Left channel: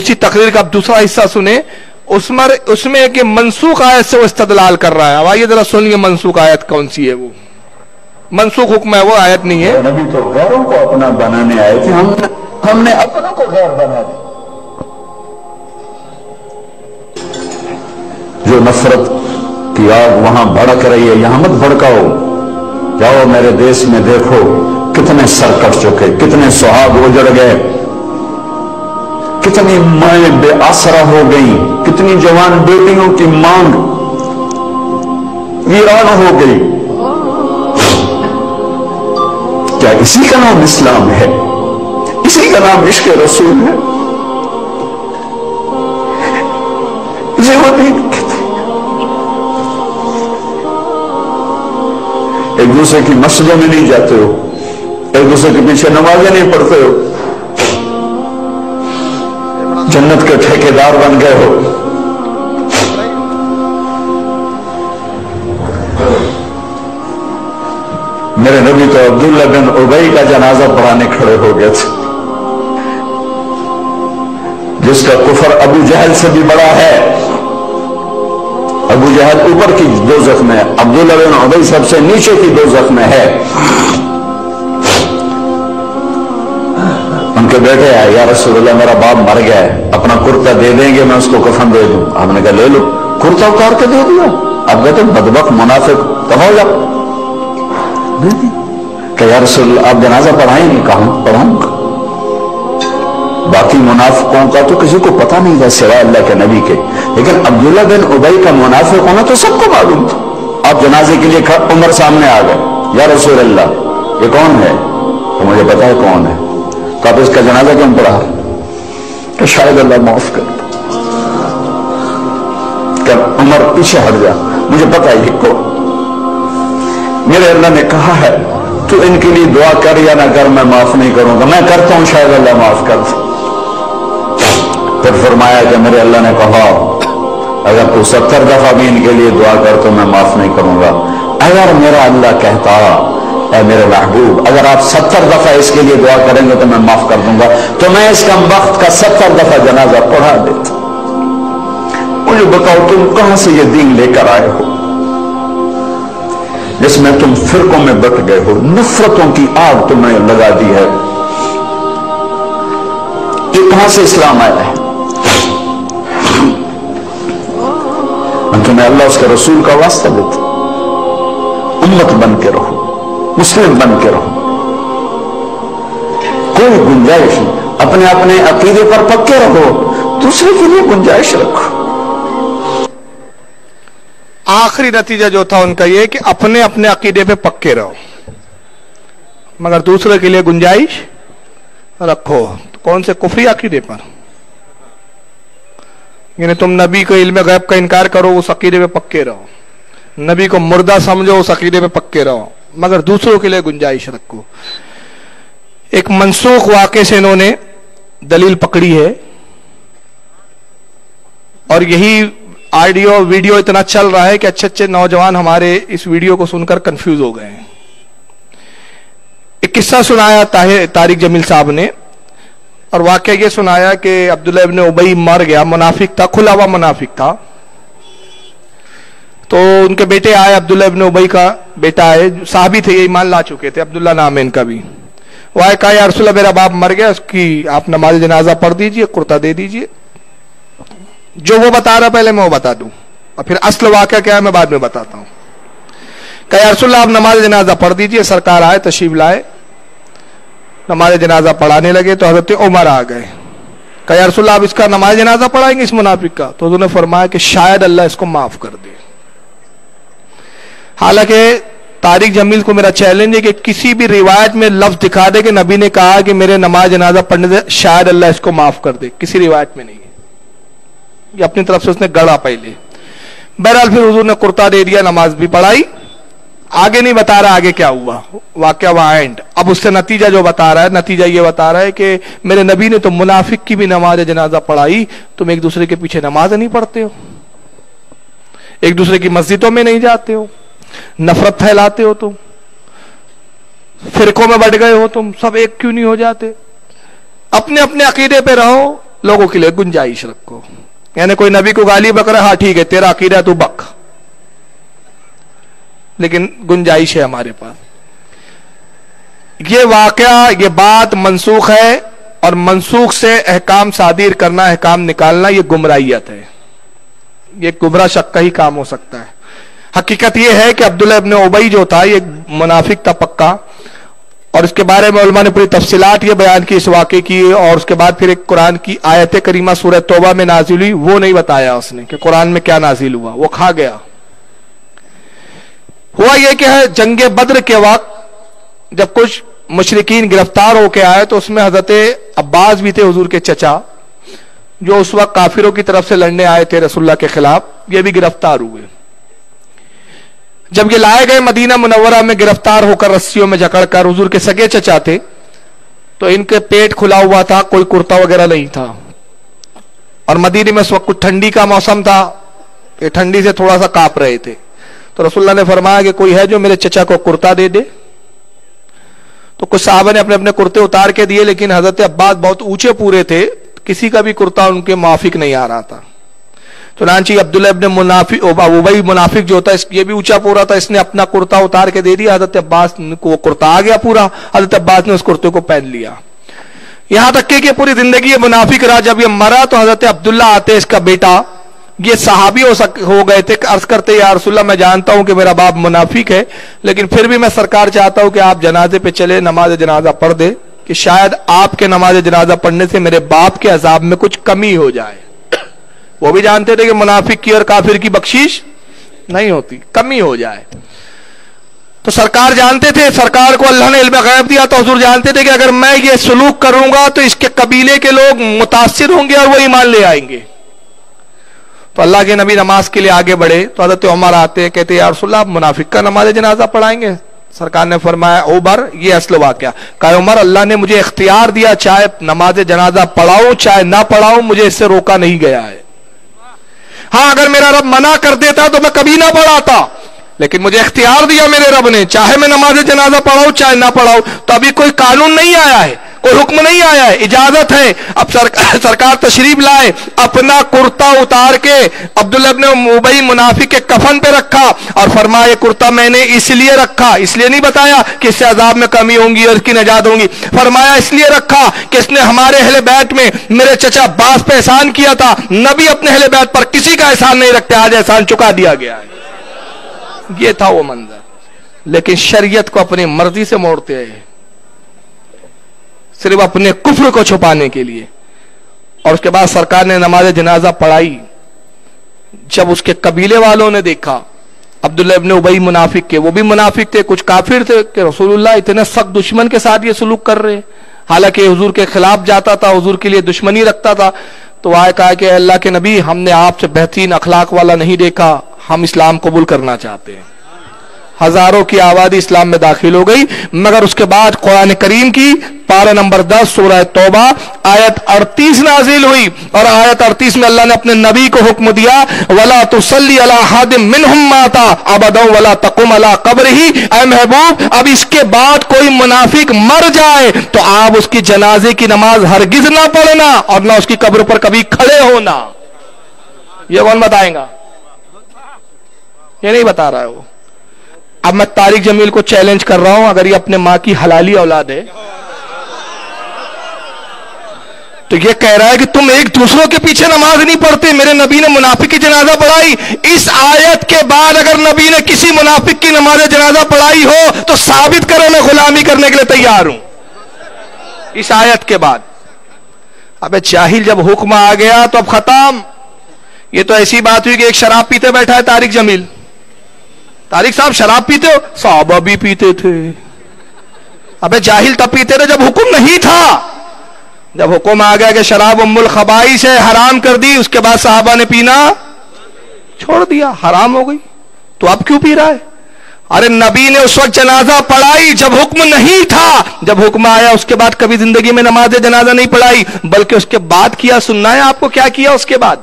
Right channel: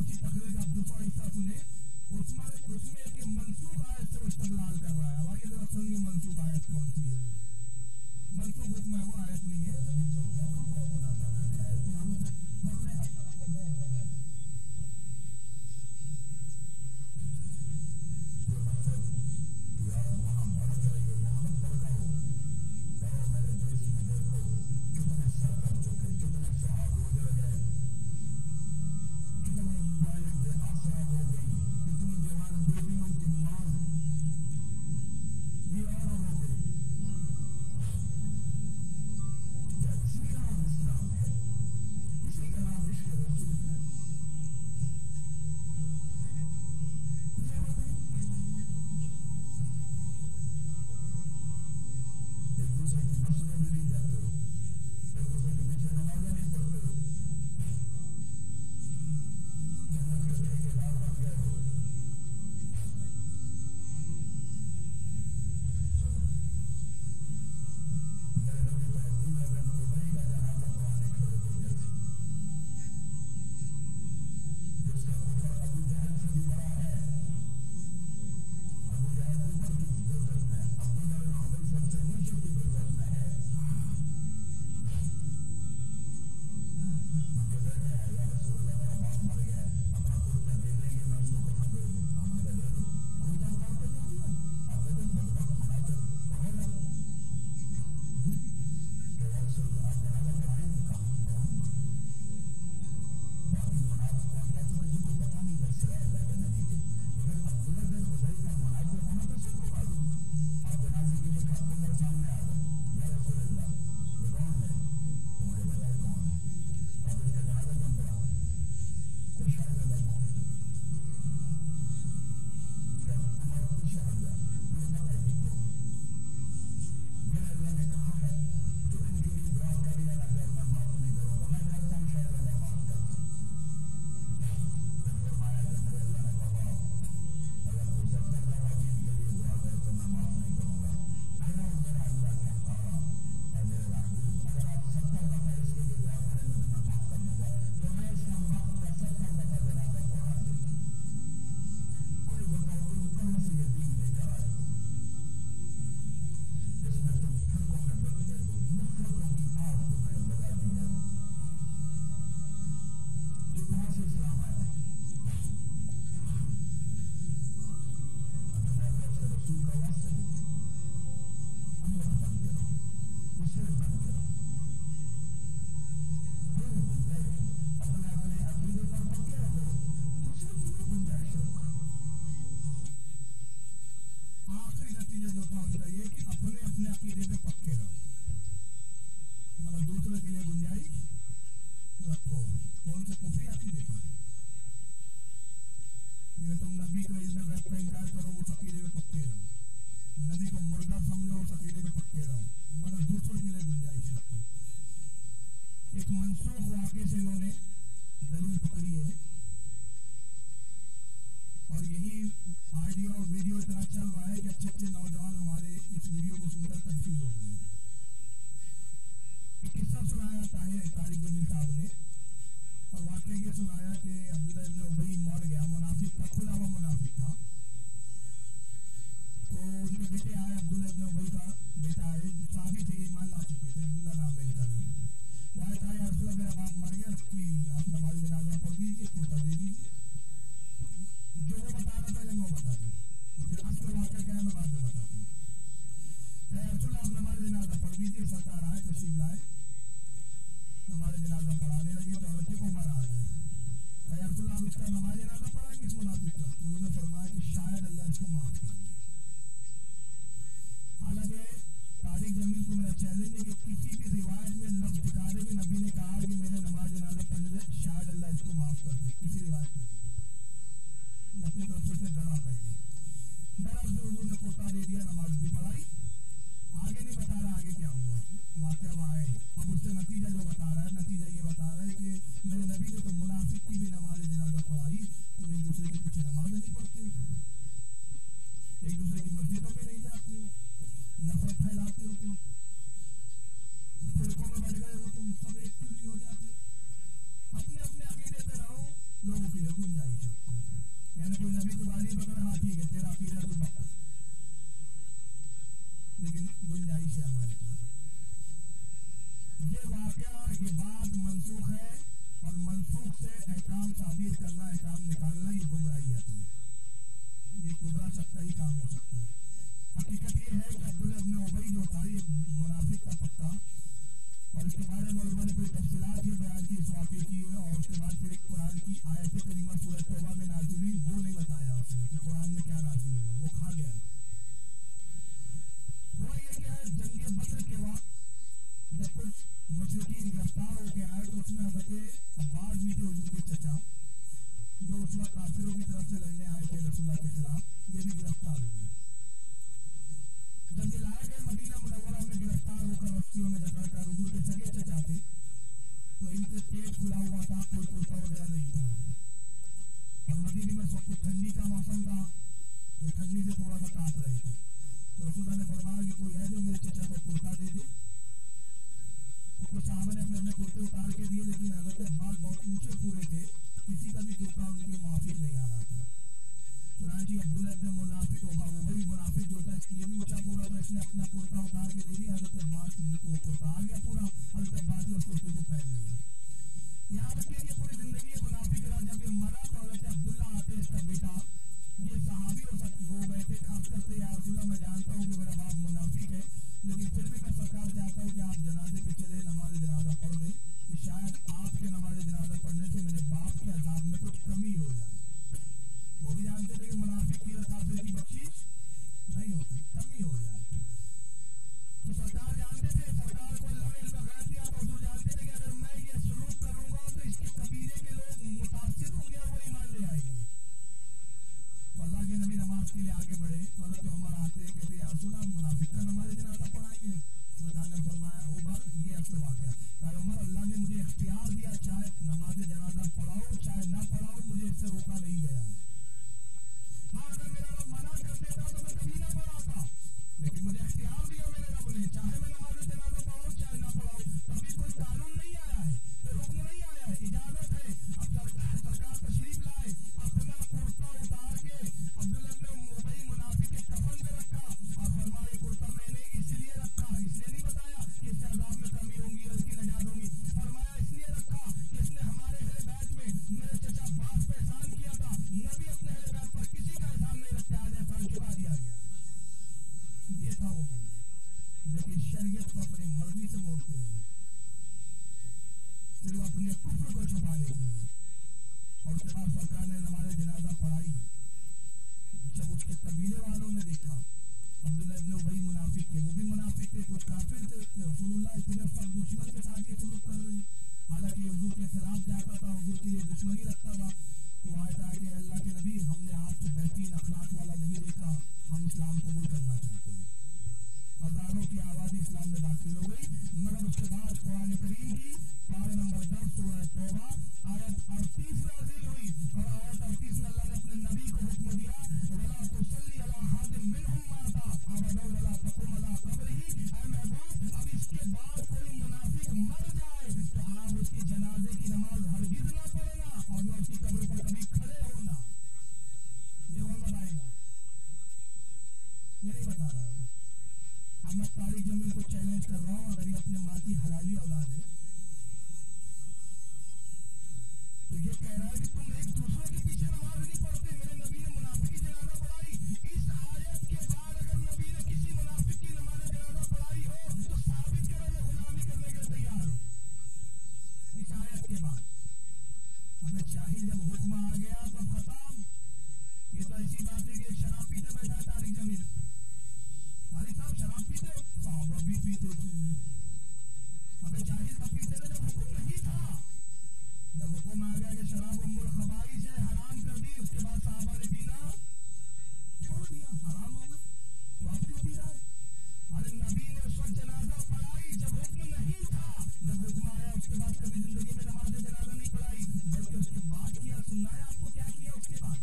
उसी तकरीर का अब दूसरा हिस्सा सुने, उसमें एक मनसूख आयत से वो इस्तदलाल कर रहा है। अब आइए जरा सुनिए मनसूख आयत कौन सी है। वो मनसूख हुक्म है, वो आयत नहीं है। नबी तो गैरों को अपना बनाने आए थे, हमने अपनों को गैर बना दिया। जो नफरत की आग वहां भड़क रही है, यहां मत भड़काओ। जाओ मेरे देश में देखो कितने सर कट चुके, कितने सुहाग उजड़ गए, कितनी माएं बेआसरा हो गई, कितनी जवान बेटियों की मांग वीरान हो गई। क्या इसी का नाम इस्लाम है? इसी का नाम इश्क रसूल है? इसे वो नहीं कहते। एक दूसरे की मस्जिदों में नहीं जाते हो, एक दूसरे के पीछे नमाजें नहीं पढ़ते हो, जन्नत के ठेकेदार बन गए हो। मेरे नबी तो अब्दुल्ला बिन उबई का जनाजा पढ़ाने खड़े हो गए थे, जिसका कुफर अबू जहल से भी बड़ा है। अबू जहल ऊपर की दोज़ख में, अब्दुल्ला बिन उबई सबसे नीचे की दोज़ख में है। उनके बेटे आए, या रसूलल्लाह मेरा बाप मर गया है, अपना कुर्ता दे देंगे, मैं उसको कफन दे दूं। आपने कहा ले लो। कुर्ता उतार के दे दिया। अब कहते बदबख्त मुनाफिक कहो जा। कि या रसूलल्लाह आप जनाजा पढ़ाएंगे? कहा पढ़ाऊंगा। बाकी मुनाफिकों का तो किसी को पता नहीं था सिवाय अल्लाह के नबी के, लेकिन अब्दुल्ला बिन उबई का मुनाफिक होना तो सबको मालूम था। आप जनाजे के लिए उमर सामने आ गए, या रसूलल्लाह ये कौन है? तो मुझे पता है कौन है। तो आप इसका जनाजा क्यों पढ़ा? कि शायद अल्लाह माफ कर। उमर पीछे हट जा, मुझे पता है कौन। मेरे अल्लाह ने कहा है तू इनके लिए दुआ कर या ना कर, मैं माफ नहीं करूंगा। मैं करता हूं, शायद अल्लाह माफ कर। फिर फरमाया कि मेरे अल्लाह ने कहा अगर तू 70 दफा भी इनके लिए दुआ कर तो मैं माफ नहीं करूंगा। अगर मेरा अल्लाह कहता ऐ मेरे महबूब अगर आप 70 दफा इसके लिए दुआ करेंगे तो मैं माफ कर दूंगा, तो मैं इस कम वक्त का 70 दफा जनाजा पढ़ा देता। मुझे बताओ तुम कहां से ये दीन लेकर आए हो जिसमें तुम फिरकों में बट गए हो, नफरतों की आग तुमने लगा दी है। ये कहां से इस्लाम आया है? तुम्हें अल्लाह उसके रसूल का वास्ता देता, उम्मत बन के रहो, मुस्लिम बन के रहो, कोई गुंजाइश नहीं। अपने अपने अकीदे पर पक्के रहो, दूसरे के लिए गुंजाइश रखो। आखिरी नतीजा जो था उनका ये कि अपने अपने अकीदे पे पक्के रहो मगर दूसरे के लिए गुंजाइश रखो। तो कौन से कुफरी अकीदे पर? यानी तुम नबी को इल्म गैब का इनकार करो, उस अकीदे पे पक्के रहो। नबी को मुर्दा समझो, उस अकीदे पे पक्के रहो, मगर दूसरों के लिए गुंजाइश रखो। एक मनसूख वाक़े से इन्होंने दलील पकड़ी है और यही ऑडियो वीडियो इतना चल रहा है कि अच्छे अच्छे नौजवान हमारे इस वीडियो को सुनकर कंफ्यूज हो गए हैं। एक किस्सा सुनाया तारिक जमील साहब ने और वाकया ये सुनाया कि अब्दुल्ला इब्न उबई मर गया, मुनाफिक था, खुला हुआ मुनाफिक था। तो उनके बेटे आए, अब्दुल्ला इब्न उबई का बेटा आए, साहबी थे, ये ईमान ला चुके थे, अब्दुल्ला नाम है इनका भी। वो आए, कहा या रसूलल्लाह मेरा बाप मर गया, उसकी आप नमाज जनाजा पढ़ दीजिए, कुर्ता दे दीजिए। जो वो बता रहा पहले मैं वो बता दूं और फिर असल वाकया क्या है मैं बाद में बताता हूं। कहा या रसूलल्लाह आप नमाज जनाजा पढ़ दीजिए। सरकार आए, तशरीफ लाए, नमाज जनाजा पढ़ाने लगे तो हजरत उमर आ गए। कहा या रसूलल्लाह आप इसका नमाज जनाजा पढ़ाएंगे इस मुनाफिक का? तो उन्होंने फरमाया कि शायद अल्लाह इसको माफ कर दे। हालांकि तारिक जमील को मेरा चैलेंज है कि किसी भी रिवायत में लफ्ज दिखा दे कि नबी ने कहा कि मेरे नमाज जनाजा पढ़ने से शायद अल्लाह इसको माफ कर दे, किसी रिवायत में नहीं है। ये अपनी तरफ से उसने गढ़ा पहले। बहरहाल फिर हुजूर ने कुर्ता दे दिया, नमाज भी पढ़ाई। आगे नहीं बता रहा आगे क्या हुआ, वाकया वहां एंड। अब उससे नतीजा जो बता रहा है, नतीजा ये बता रहा है कि मेरे नबी ने तो मुनाफिक की भी नमाज जनाजा पढ़ाई, तुम एक दूसरे के पीछे नमाज नहीं पढ़ते हो, एक दूसरे की मस्जिदों में नहीं जाते हो, नफरत फैलाते हो, तुम फिरकों में बढ़ गए हो, तुम सब एक क्यों नहीं हो जाते? अपने अपने अकीदे पे रहो, लोगों के लिए गुंजाइश रखो। यानी कोई नबी को गाली बक रहा, हाँ ठीक है तेरा अकीदा तू बक, लेकिन गुंजाइश है हमारे पास। ये वाकया, ये बात मनसूख है, और मनसूख से अहकाम सादिर करना, अहकाम निकालना, ये गुमराहियत है, ये गुमराह शक का ही काम हो सकता है। हकीकत ये है कि अब्दुल्लाह इब्न उबई जो था ये मुनाफिक था पक्का, और इसके बारे में उलमा ने पूरी तफसीलात ये बयान की इस वाक़े की, और उसके बाद फिर एक कुरान की आयत करीमा सूरह तौबा में नाजिल हुई, वो नहीं बताया उसने कि कुरान में क्या नाजिल हुआ, वो खा गया। हुआ ये कि है जंगे बद्र के वक्त जब कुछ मुशरिकीन गिरफ्तार होके आए तो उसमें हजरत अब्बास भी थे, हुजूर के चचा, जो उस वक्त काफिरों की तरफ से लड़ने आए थे रसूलुल्लाह के खिलाफ, ये भी गिरफ्तार हुए। जब ये लाए गए मदीना मुनव्वरा में गिरफ्तार होकर रस्सियों में जकड़कर, हुजूर के सगे चचा थे, तो इनके पेट खुला हुआ था, कोई कुर्ता वगैरह नहीं था, और मदीने में उस वक्त कुछ ठंडी का मौसम था, ये ठंडी से थोड़ा सा कांप रहे थे। तो रसूलुल्लाह ने फरमाया कि कोई है जो मेरे चचा को कुर्ता दे दे। तो कुछ साहबा ने अपने अपने कुर्ते उतार के दिए, लेकिन हजरत अब्बास बहुत ऊंचे पूरे थे, किसी का भी कुर्ता उनके माफिक नहीं आ रहा था। तो नानची अब्दुल्ला इब्न मुनाफिक, उबई मुनाफिक जो था, ये भी ऊंचा पूरा था, इसने अपना कुर्ता उतार के दे दिया, हजरत अब्बास को कुर्ता आ गया पूरा, हजरत अब्बास ने उस कुर्ते को पहन लिया। यहां तक कि पूरी जिंदगी ये मुनाफिक रहा। जब ये मरा तो हजरत अब्दुल्ला आते, इसका बेटा, ये सहाबी हो गए थे, अर्ज करते या रसूलल्लाह मैं जानता हूं कि मेरा बाप मुनाफिक है, लेकिन फिर भी मैं सरकार चाहता हूं कि आप जनाजे पे चले, नमाज जनाजा पढ़ दे, कि शायद आपके नमाज जनाजा पढ़ने से मेरे बाप के अजाब में कुछ कमी हो जाए। वो भी जानते थे कि मुनाफिक की और काफिर की बख्शीश नहीं होती, कमी हो जाए। तो सरकार जानते थे, सरकार को अल्लाह ने इल्म गैब दिया, तो हुजूर जानते थे कि अगर मैं ये सलूक करूंगा तो इसके कबीले के लोग मुतासिर होंगे और वो ईमान ले आएंगे। तो अल्लाह के नबी नमाज के लिए आगे बढ़े, तो हज़रत उमर आते, कहते या रसूलल्लाह, आप मुनाफिक का नमाज जनाजा पढ़ाएंगे? सरकार ने फरमाया उमर, ये असल वाकया, कहा उमर अल्लाह ने मुझे इख्तियार दिया, चाहे नमाज जनाजा पढ़ाऊं चाहे ना पढ़ाऊं, मुझे इससे रोका नहीं गया है। हाँ, अगर मेरा रब मना कर देता तो मैं कभी ना पढ़ाता, लेकिन मुझे इख्तियार दिया मेरे रब ने, चाहे मैं नमाज जनाजा पढ़ाऊं चाहे ना पढ़ाऊं। तो अभी कोई कानून नहीं आया है, कोई हुक्म नहीं आया है, इजाजत है। अब सरकार तशरीफ लाए, अपना कुर्ता उतार के अब्दुल्लाह इब्न उबई मुनाफिक के कफन पे रखा और फरमाया ये कुर्ता मैंने इसलिए रखा, इसलिए नहीं बताया कि इससे अजाब में कमी होंगी और इसकी नजात होंगी, फरमाया इसलिए रखा कि इसने हमारे अहले बैत में मेरे चचा अब्बास पे एहसान किया था। नबी अपने अहले बैत पर किसी का एहसान नहीं रखते, आज एहसान चुका दिया गया है। ये था वो मंजर, लेकिन शरीयत को अपनी मर्जी से मोड़ते हैं, सिर्फ अपने कुफ्र को छुपाने के लिए। और उसके बाद सरकार ने नमाज जनाजा पढ़ाई। जब उसके कबीले वालों ने देखा अब्दुल्लाह इब्न उबई मुनाफिक के, वो भी मुनाफिक थे, कुछ काफिर थे, कि रसूलुल्लाह इतने सख्त दुश्मन के साथ ये सलूक कर रहे, हालांकि हुजूर के खिलाफ जाता था, हुजूर के लिए दुश्मनी रखता था। तो आए कहा कि अल्लाह के नबी, हमने आपसे बेहतरीन अखलाक वाला नहीं देखा, हम इस्लाम कबूल करना चाहते हैं। हजारों की आबादी इस्लाम में दाखिल हो गई। मगर उसके बाद कुरान करीम की पारा नंबर 10 सूरह तौबा आयत 38 नाजिल हुई, और आयत 38 में अल्लाह ने अपने नबी को हुक्म दिया, वला तुसल्ली अला हादिम मिनहुम माता अबदा वला तकुम अला कब्रिही। ऐ महबूब, अब इसके बाद कोई मुनाफिक मर जाए तो आप उसकी जनाजे की नमाज हरगिज ना पढ़ना और ना उसकी कब्र पर कभी खड़े होना। ये कौन बताएगा? ये नहीं बता रहा है वो। अब मैं तारिक जमील को चैलेंज कर रहा हूं, अगर ये अपने मां की हलाली औलाद है तो ये कह रहा है कि तुम एक दूसरों के पीछे नमाज नहीं पढ़ते, मेरे नबी ने मुनाफिक की जनाजा पढ़ाई। इस आयत के बाद अगर नबी ने किसी मुनाफिक की नमाज जनाजा पढ़ाई हो तो साबित करो, मैं गुलामी करने के लिए तैयार हूं। इस आयत के बाद अबे जाहिल, जब हुक्म आ गया तो अब खत्म। ये तो ऐसी बात हुई कि एक शराब पीते बैठा है तारिक जमील। तारिक साहब शराब पीते हो? साहबा भी पीते थे। अबे जाहिल तब पीते थे जब हुक्म नहीं था। जब हुक्म आ गया कि शराब उम्मुल खबाइस है, हराम कर दी, उसके बाद साहबा ने पीना छोड़ दिया, हराम हो गई। तो अब क्यों पी रहा है? अरे नबी ने उस वक्त जनाजा पढ़ाई जब हुक्म नहीं था, जब हुक्म आया उसके बाद कभी जिंदगी में नमाज जनाजा नहीं पढ़ाई, बल्कि उसके बाद किया। सुनना है आपको क्या किया उसके बाद?